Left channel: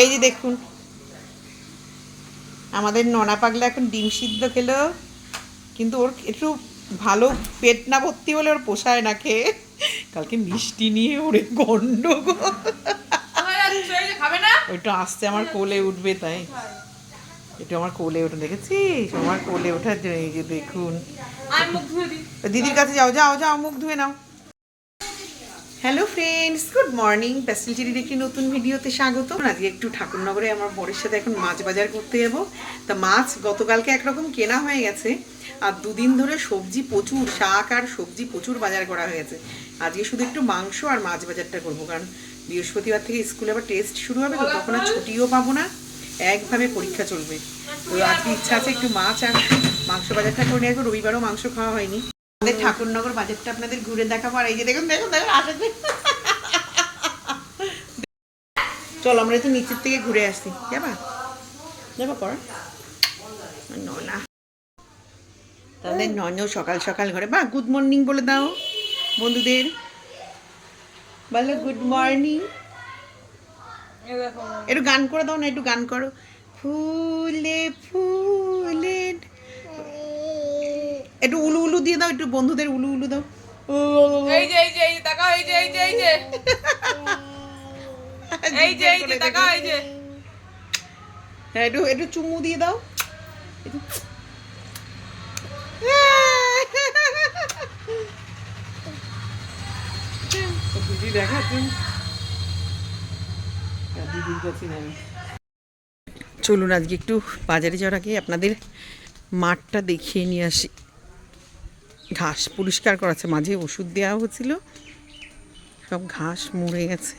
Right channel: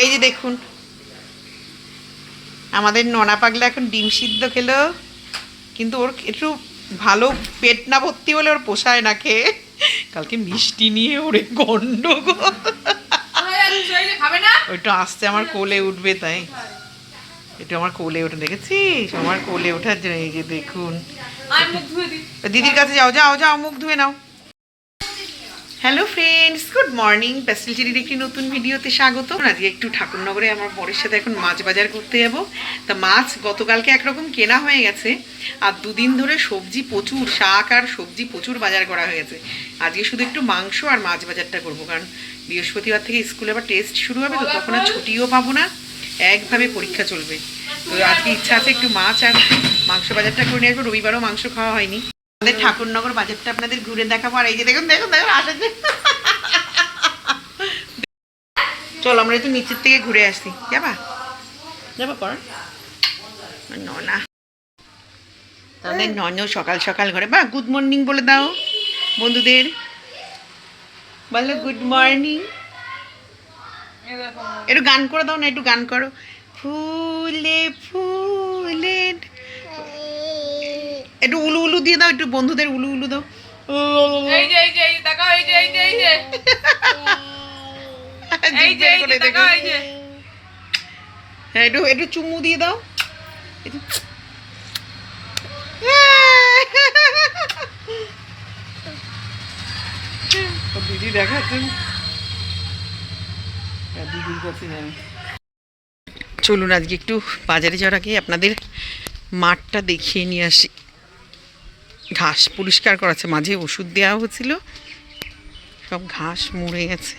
এই যে দেখুন। আমাদের ননা পাগলা এখন ডিম সিদ্ধ খেলো। কিন্তু ওর একটু ভালো পেট না ভর্তি হলে ওর পোষায় না খেয়ে। কালকে মিষ্টি নিয়ে ওরে গন্ডগোল। ওইটা আসতে আমার কোলে উঠবে তাই। একটু আমার কোলে উঠে দেখেছিস? আমার কোলে ওঠার জন্য এই যে দেখুন দিদির কাছে যাও যাও যাও মুখ ধুয়ে নাও। Hello friends good morning pastel চিরির একটি নতুন ভিডিওতে স্বাগত আজকে একটু ঠাকুরনগরে আমার বরের সাথে এখন মাছ বাজার করতে যাব। তা মাছ গতকালকে একরকম কেনা হয়ে গেছে। আর দুদিন ধরে সবজি প্রচুর, শাক আর সবজি প্রচুর বাজার করা হয়েছে। আজকে শুধু একটু মাংস আর মাছ বাজারটা করব, কারণ বৃহস্পতিবার থেকে স্কুলে আবার টেস্ট শুরু হবে, তো তখন আর ছুটিও পাবো না। একভাবে পরীক্ষা চলবে। তো আজকে ইচ্ছা আছে একটু মাছ আর মাংস বাজারটা করে নিয়ে আসব। রবিবারও মাংস খাওয়া হয়নি। আমাদের ঠাকুরনগর বাজারটা আপনাদের ঘুরে দেখাবো আর এই যে দেখুন দেখুন দেখুন আসে চল আমরা একটু নিচের থেকে ঘুরে আসি। যাবা? যাবা কর না তাহলে নন সকাল সকাল ঘরে। বা গুড মর্নিং বলে দাও বন্ধুদের। বলো গুড মর্নিং একটু গান করে দাও না একটু গান করো। ফুলে ফুলে একটু উলু উলু দিয়ে দাও একটু বন্ধুদের উলু উলু দাও। ও এই যে এই যে এই যে দেখো এই যে এই যে এই যে। এই যে এই যে দেখো। এই যে। হ্যাঁ একটু একটু চুমু দিয়ে দাও। দিদি হ্যাঁ, দিদির কাছে যাবে চলুন আজকে একটু বাজারে যাওয়ার আগে আপনাদের মাঠটা দেখিয়ে নিয়ে আসি। ঘাস পরিষ্কার করাচ্ছে, মাঝে ওষুধ দেওয়া হচ্ছিল। সব ঘাস মরে গেছে।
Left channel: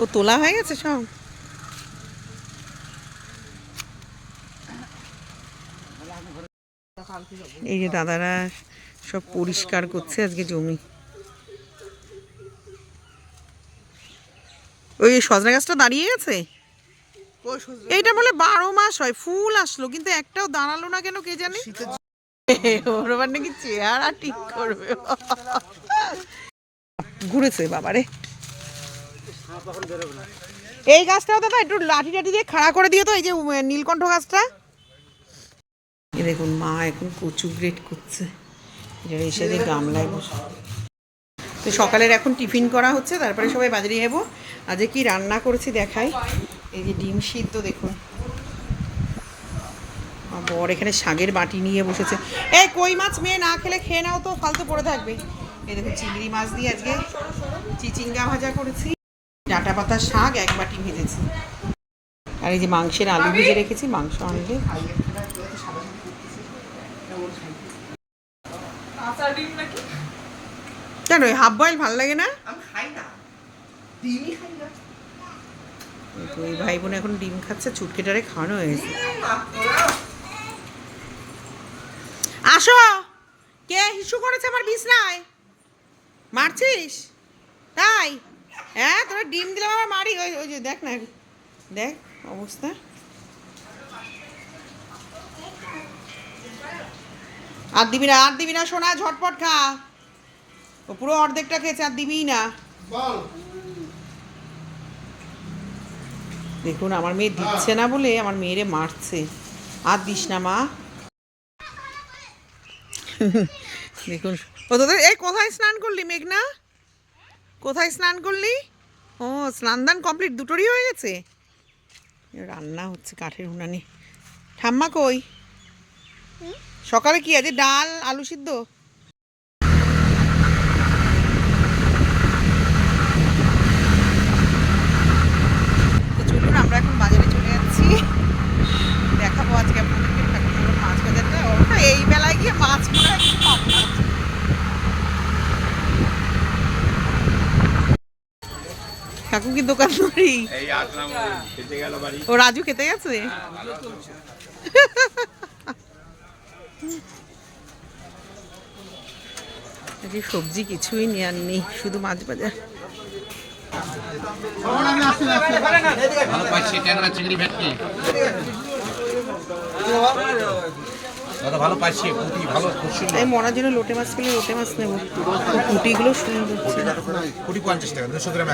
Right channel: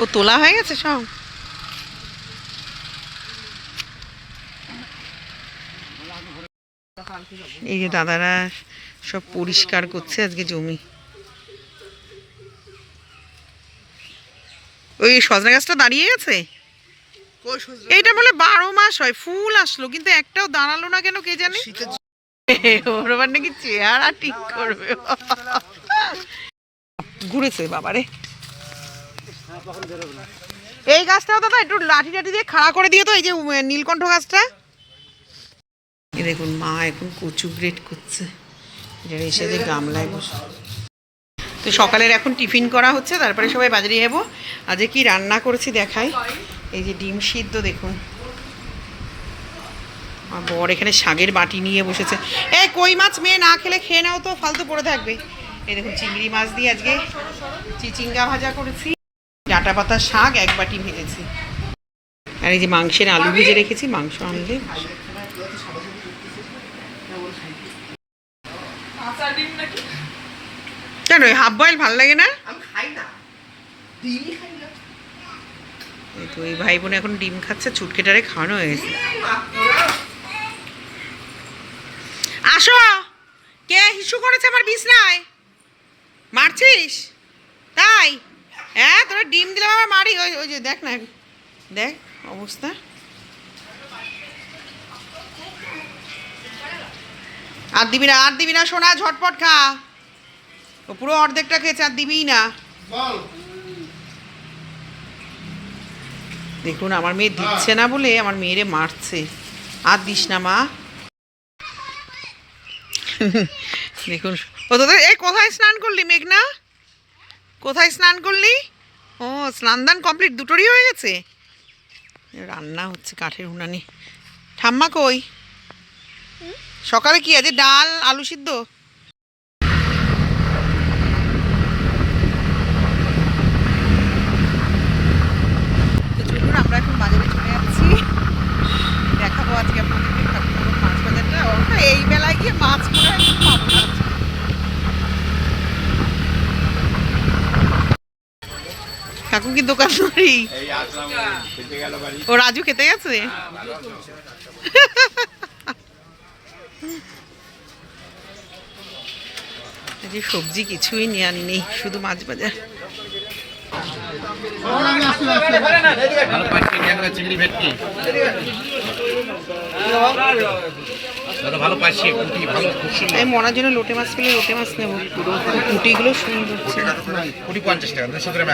ও তোলা হয়ে গেছে সব? এই যে দাদারা সব পরিষ্কার করছে আজকে জমি। ওই সজনা গাছটা দাঁড়িয়ে গেছে? এইটা বলে বারো মাস হয় ফুল আসলো কিন্তু একটাও দাঁড়াল না কেন কে জানে? ওর আবার নাকি চেহারা ঠিক করবে। ঘুরেছে বাবারে। এই গাছটাও দাদা একটু লাঠি টাঠি দিয়ে খাড়া করে দিও তো এই যে নীলকণ্ঠ গাছটা। দেখুন মা এখন কচু গ্রেট করছে। এসে যে গামলায় বসে তো সকালের এখন টিফিন করা হচ্ছে, তারপরে সবাই বাজারে যাব। আজকে কি রান্না করেছি দেখাই। এই যে ডিম সিদ্ধ, দেখুন। আর বর এখানে শাগের বাটি নিয়ে বসেছে। এই কই মাছ মেয়ে, না খেলে খেয়ে নাও তো, ফালতু পড়ে থাকবে। এই দেখুন, চিংড়ি মাছ দিয়ে আজকে চিচিঙ্গা ভাজা করেছি। ডাঁটা পাতা শাক, এক বাটি ভেজেছি। আর এই যে মাংসের আলু ভেজে রেখেছি, মাংস আনলে। ডিম নাকি? কেন হাফ বয়েল ভালো লাগে না? আমি খাই না। ডিমই খাই না। এই তো এই ভাই বোন এখন ডিম খাচ্ছে ছুটকেটারে খাওয়ানো হয়ে গেছে আসো! কে হিসু করেছে আমার বিছনায়? মারছিস? তাই? হ্যাঁ তোরা ডিম দিলে আবার মারি। ওই ওই যে দেখ না দেখ অবস্থা। আর দিবি না আর দিবি না সোনা ঝটপট খা। ও পুরো অর্ধেকটা খেয়েছে আর দিবিই না। দেখুন আমার মেয়ে দিচ্ছে না বলে আমার মেয়েরে মারছে। আর দিস না মা। দেখুন ও তোদের এই কোথায় স্নান করলি মেঘনা? কোথায় স্নান করলি? ও স্নান দান কমপ্লিট দুটোরই হয়ে গেছে? রান্না হচ্ছে কাঠের উনানে। ঠাম্মা কই? সকালে কি আছে? ডাল আলু সিদ্ধ তো চলুন আমরা এখন বাজারে চলে যাচ্ছি। দেখাবো আজকে আপনাদেরকে ঠাকুরনগর মাছ বাজারটা। ও না, এই বেলায় গিয়ে মাছ মনে হয় পাবো না। কাকু কি দোকান ধরি ও রাজু খেতে গেছে? সবজি কিছুই নেওয়ার নেই শুধু মাছ বাজার। ভালো পাচ্ছি ক্যাংরা চিংড়ি ভেটকি দাদা ভালো পাচ্ছি পুঁটি ভালো খুব সুন্দর আমি মরার জন্য লোটে মাছ পেলে লোটে মাছ নেব। কুটিগুলো সুন্দর পুঁটি পঞ্চাশ টাকা দুশো গ্রাম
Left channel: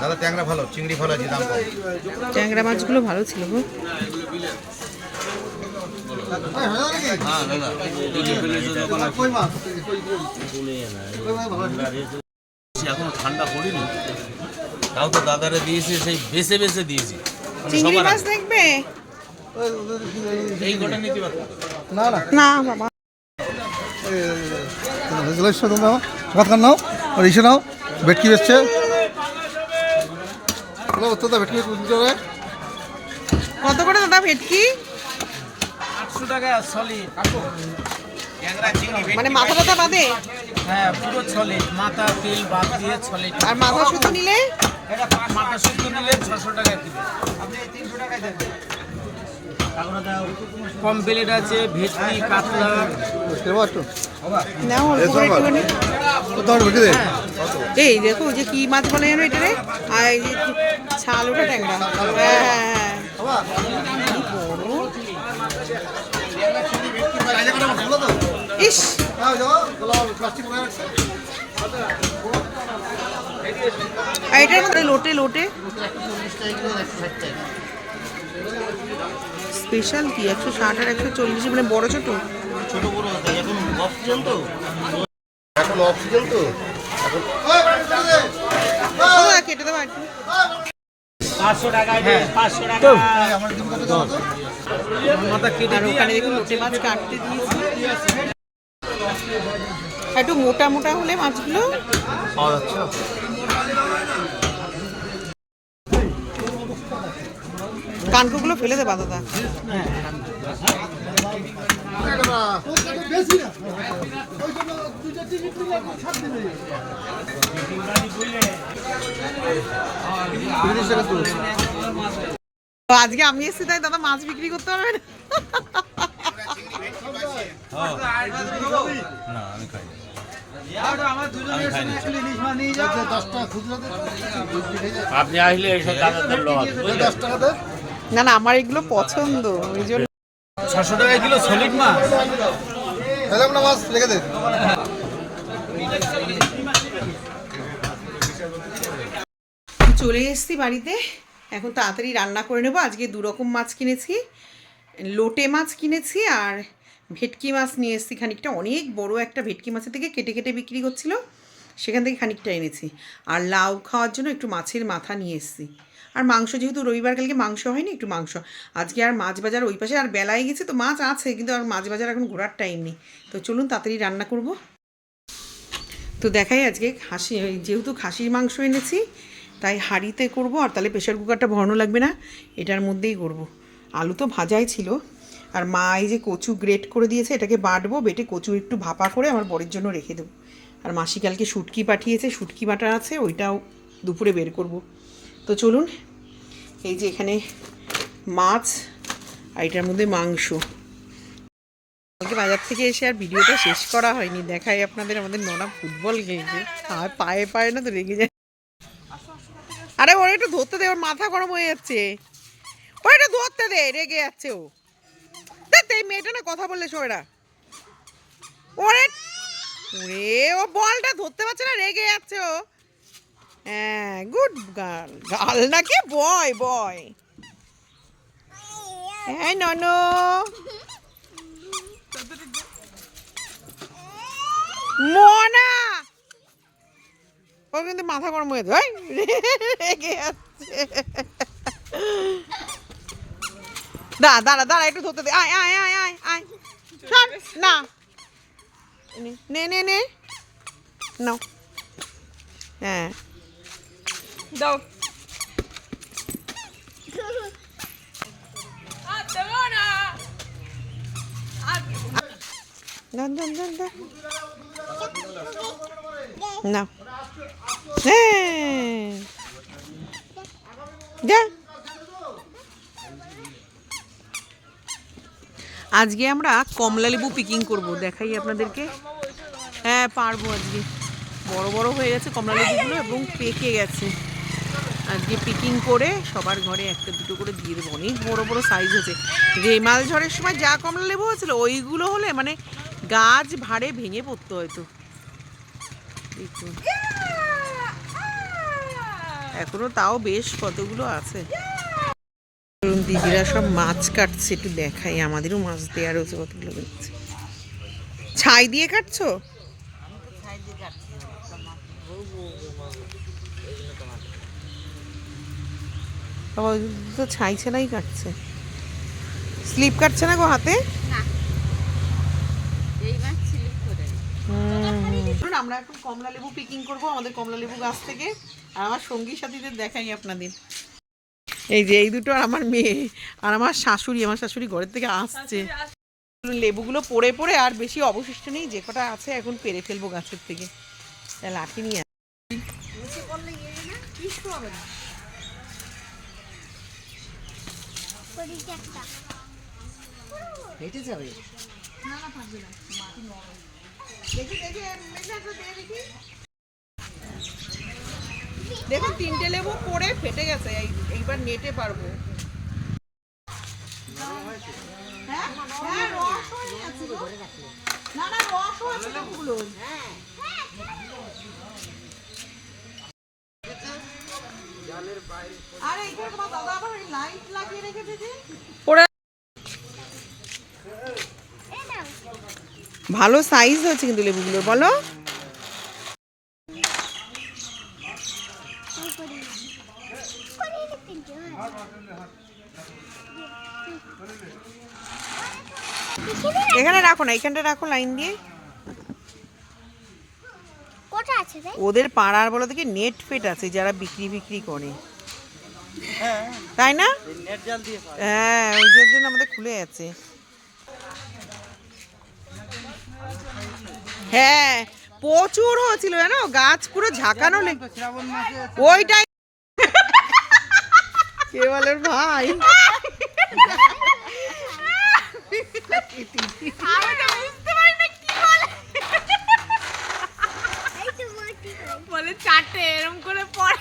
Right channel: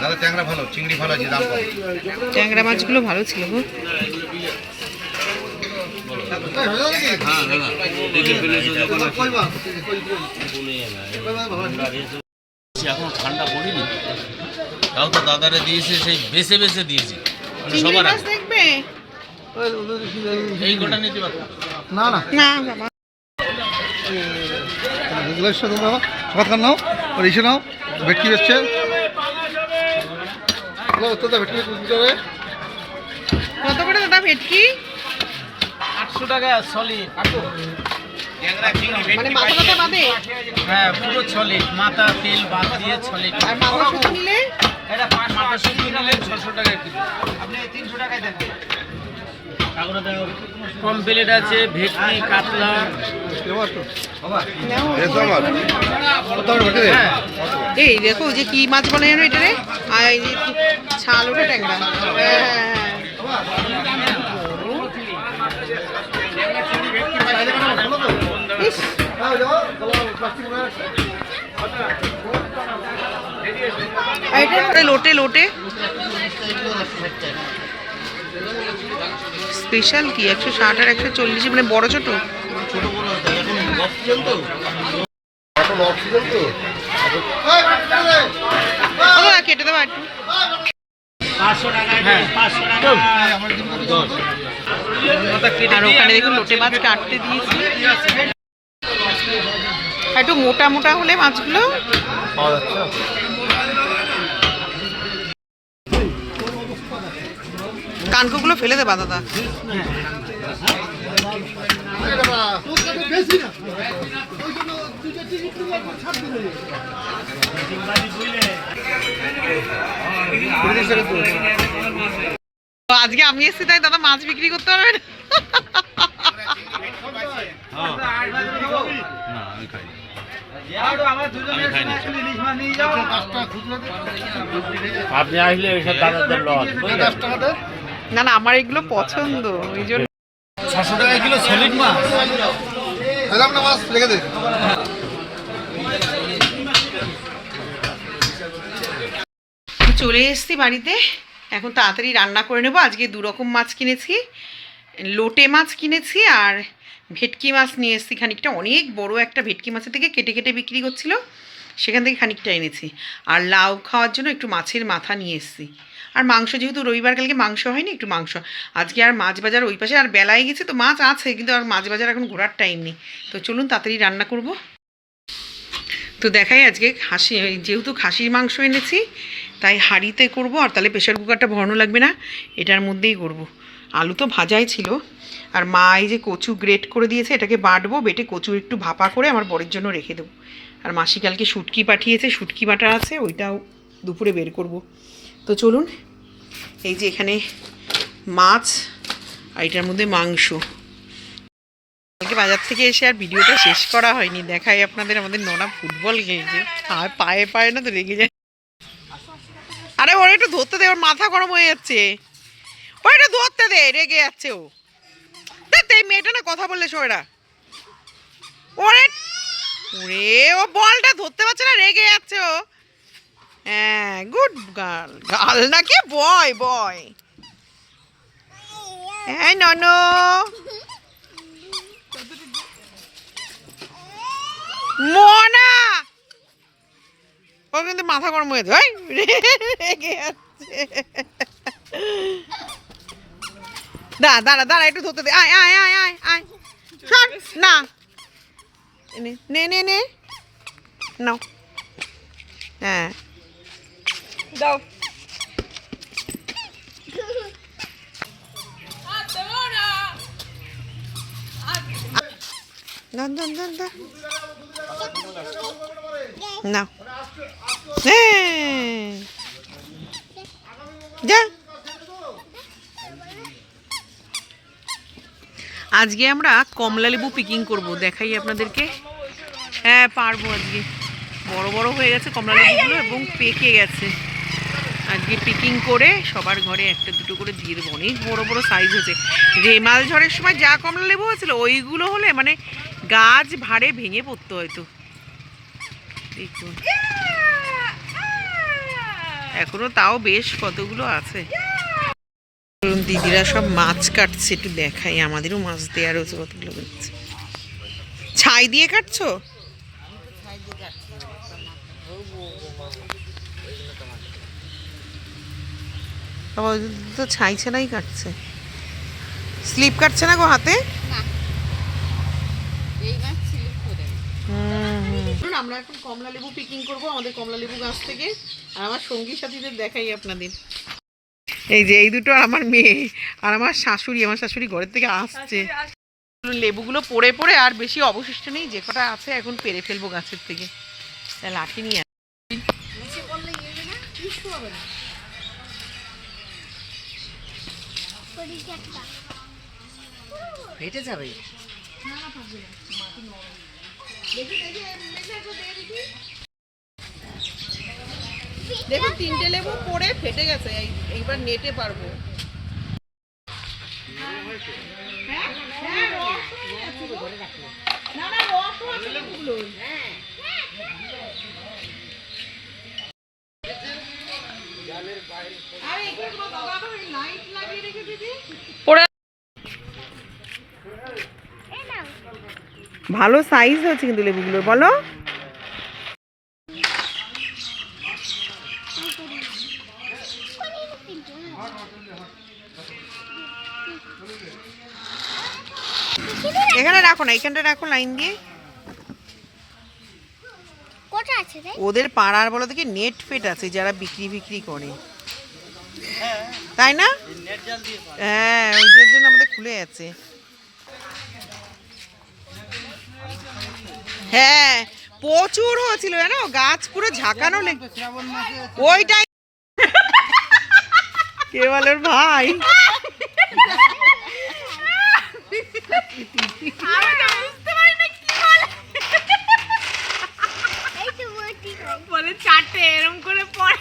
দাদা ট্যাংরা ভালো চিংড়ি ভালো আছে দাম ট্যাংরা মাছগুলো ভালো ছিল গো। এখন ঠান্ডা পড়েনি। তাও তো দাদারে দিয়েছে সেই বেছে বেছে দিয়েছি। চিংড়ি মাছ দেখবে? এই গোটা নিতে না বাবা। নাও আর ইসে নাও ভেটকি বেচছে ভেটকি কত করে দাদা ভেটকি? আটশো টাকা মানে মাথা টাথা বাদে? হ্যাঁ পুরো মাথা তেল বাদ দিয়ে আর মাথা শুধু নিলে? মাথা শুদ্ধ নিলে ছশো টাকা কিলো। আপনি তিনশো টাকায় দেখেন। কম প্লেট আছে ভেটকি কাতলা। একটুখানি। এই দেখো যে কি মাছ বলে জানো এটা রে আর এই ছাল ওঠা ট্যাংরা। হ্যাঁ হ্যাঁ, হ্যাঁ। ইস এটা লোটে লোটে স্পেশাল কি? একশো ষাট আর একশো চল্লিশ মানে বড় ছোট? কেটে দেবো একটু। আর ওখানে দেখুন লোটে মাছ কাটতে দিয়েছি। একটু মোটা মোটা হলে মাছগুলো? কানকোগুলো ফেলে দেবা দাদা। আজকে আমি এসেছি, তাই দাদা মাছ বিক্রি করতে পারবে না? আপনি আসলে এইসব দাদাদের লস না না আমার এগুলো পছন্দ ওই জন্য। ছশো টাকা কিলো সলিড মাছ। এলাম না মাছ রেখে দে। চলে এসেছি বাড়িতে। এখন তাড়াতাড়ি রান্না করে নেব। আজকে দু রকম মাছ কিনেছি লোটে মাছ কিনেছি আর ভেটকি মাছ নিয়ে এসেছি, খানিকটা অনেক বড় একটা ভেটকি মাছের থেকে কেটে কেটে বিক্রি করছিল সেখান থেকে খানিকটা এনেছি। আর লাউ খাওয়ার জন্য একটু মাছের মাথা নিয়ে এসেছি। আর মাংস যেহেতু রবিবার, কালকে মাংস হয়নি, একটু মাংস। আজকে আর মাছ বাজার ওই পাশে, আর বেলায় গেছে তো মাছ আছে, কিন্তু আর মাছ বাজার এখন ঘোরার টাইম নেই। তো চলুন তাড়াতাড়ি রান্না করব। তো দেখাই আজকে খাসি যেহেতু খাসির মাংস এনেছি, তাই হাঁড়িতে করব, আর তাহলে প্রেশার কুকারটা ভরানো লাগবে না, এটার মধ্যেই করব। আলু তো ভাজাই ছিল। আর মা এই যে কচু গ্রেট করে দিয়েছে, এটাকে বাটবো, বেটে কচু একটু ভাপা করে আমার বরের জন্য রেখে দেবো। আর মাসি কালকে শুটকি পাঠিয়েছে, শুটকি বাটা আছে, ওইটাও দুপুরে বের করব। তো চলুন, এই যে এখানে মাছ আর এটার মধ্যে মাংস। কালকে বাজার থেকে এসে আর ভিডিওটা শেষ করা হয়নি, দেখাই আপনাদের আমাদের নোনা ফুটবল খেয়েছে আর পায়ে পায়ে না তো রেগে যায়। আরে ওরা একটু ধরতে দে, ওর মাথা গরম হয়ে যাচ্ছে। ওরা একটু ধরতে দে, রেগে যাচ্ছে ও। দেখ এই মেয়েটা না কথা বললে সোয়েরা ওরে ওরে, ও বলটা ধরতে পারছে না, রেগে যাচ্ছে ও। হ্যাঁ গুড গার্ল গার্ল নাকি? বয় বয় হ্যাঁ ননো। মনা। ওর কিন্তু মাথা গরম হয়ে যায় রেগে যাচ্ছে। দাঁড়া দাঁড়া দাঁড়া একটু ধরতে দে আয় আয় আয় আয় আয় শোন না নে নে নে নে নাও হ্যাঁ দাও আর দেবো না দান দান দান দান নাও হ্যাঁ যা আজকে আমরা কমলা লেবু পিকিং করব। দেখাই আপনাদেরকে। হ্যাঁ পারব আজকে। বড় বড় হয়ে গেছে কমলা লেবুগুলো এবং পেকে গেছে। আজকে পিকিং করে সবার ঘরে একটা দুটো করে দিয়ে দেবো। অনেক বড় বড় সাইজ হয়েছে। রেমাল ঝড়ের সময় যা কমলা লেবু হয়েছিল, ওইগুলো হলে মানে গাছ ভাড়ে ভেঙে পড়তো হয়তো। দেখুন। এখনও তাও বেশ কতগুলো আছে। দিদিরা সব মাছ কাটছে একটু দেখাই আমাদেরও মাছ দেওয়া রয়েছে কতগুলো দেখছে ছাই দিয়ে কাটছো? তো ছাই ছাড়াই কাটছে। স্লিপ কাটছে না গো হাতে। আমরা এখন কমলা লেবু পিকিং করব আমাদের কমলা লেবু গাছ থেকে। আর আমার সঙ্গী সাথীদের দেখাই আপনাদের। এই যে এই দুটো আমার মেয়ে আর আমার শাশুড়ি আমার শাশুড়ি ঘরের থেকে আসছে। লেবুগুলো পড়ে পড়ে আর বেশি অবশিষ্ট নেই যে কটা আছে এখন পেরে ফেলব গাছের থেকে। তা লাঠি নিয়ে আয়। ফেটে যাবে। দেখুন তিনটে লেবু পড়ে ফেটে গেছে এইবার নেটে পারব হ্যাঁ, হ্যাঁ। না, না। ভালো সাইজ হয়েছে কিন্তু লেবুগুলোর বলো এখানে রাখো না এখানটা রাখো লাইন দিয়ে। ওদের পাড়ার বলো থেকে নেট ফেট আছে যারা বিক্রি বিক্রি করে। তাই না? হ্যাঁ ওই জন্য আমাদের খুলে আছে হ্যাঁ প্রচুর হয়েছিল জানো? গাছ পুরো ঝাঁকানো লে- ওইটাই কে বলে ভাই? এই বলে চারটে এরম করে পড়ে।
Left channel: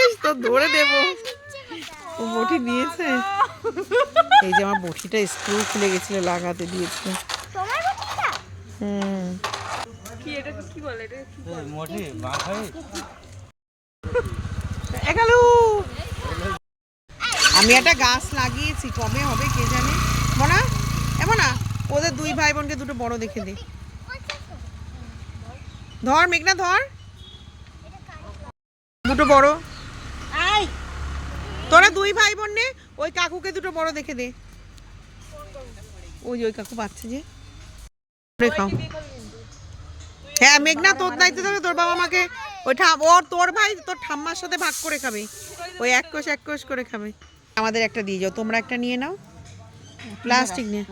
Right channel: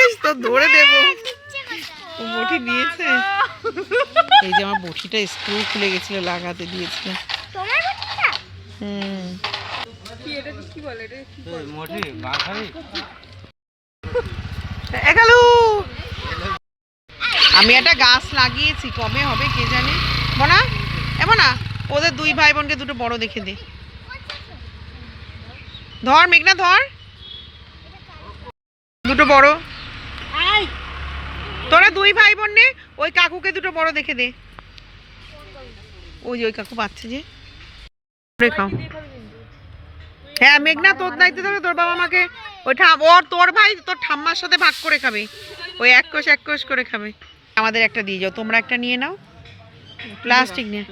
ইস তো ধরে দেবো। ইচ্ছে কথা ও বটি দিয়েছে। এই যে আমার বটিটা স্ক্রু খুলে গেছিল লাগাতে দিয়েছে। তোমার বইটিটা হুম। কি এটা কি বলে? এটা কি এগালু আমি একটা গাছ লাগিয়েছি কবে হবে কে জানে? মনা এমন না ওদের দুই ভাই বোনকে দুটো বড় দেখে দে। ধর মেঘনা ধর। দুটো বড়। তোরা দুই ভাই বোন নে ওই কাকুকে দুটো বড় দেখে দে। ওই যে ওই কাকু পাচ্ছে যে। খাও। হ্যাঁ মেঘনা তোর দায়িত্ব থাকে তোর বাবা মাকে ওই ঠাম ওর তোর ভাই তোর ঠাম্মার সাথে ভাগ করে খাবে। ওই এক কোষ এক কোষ করে খাবে। আমাদের একটা দিয়ে যাও তোমরা একটা নিয়ে নাও। প্লাস্টিক নিয়ে।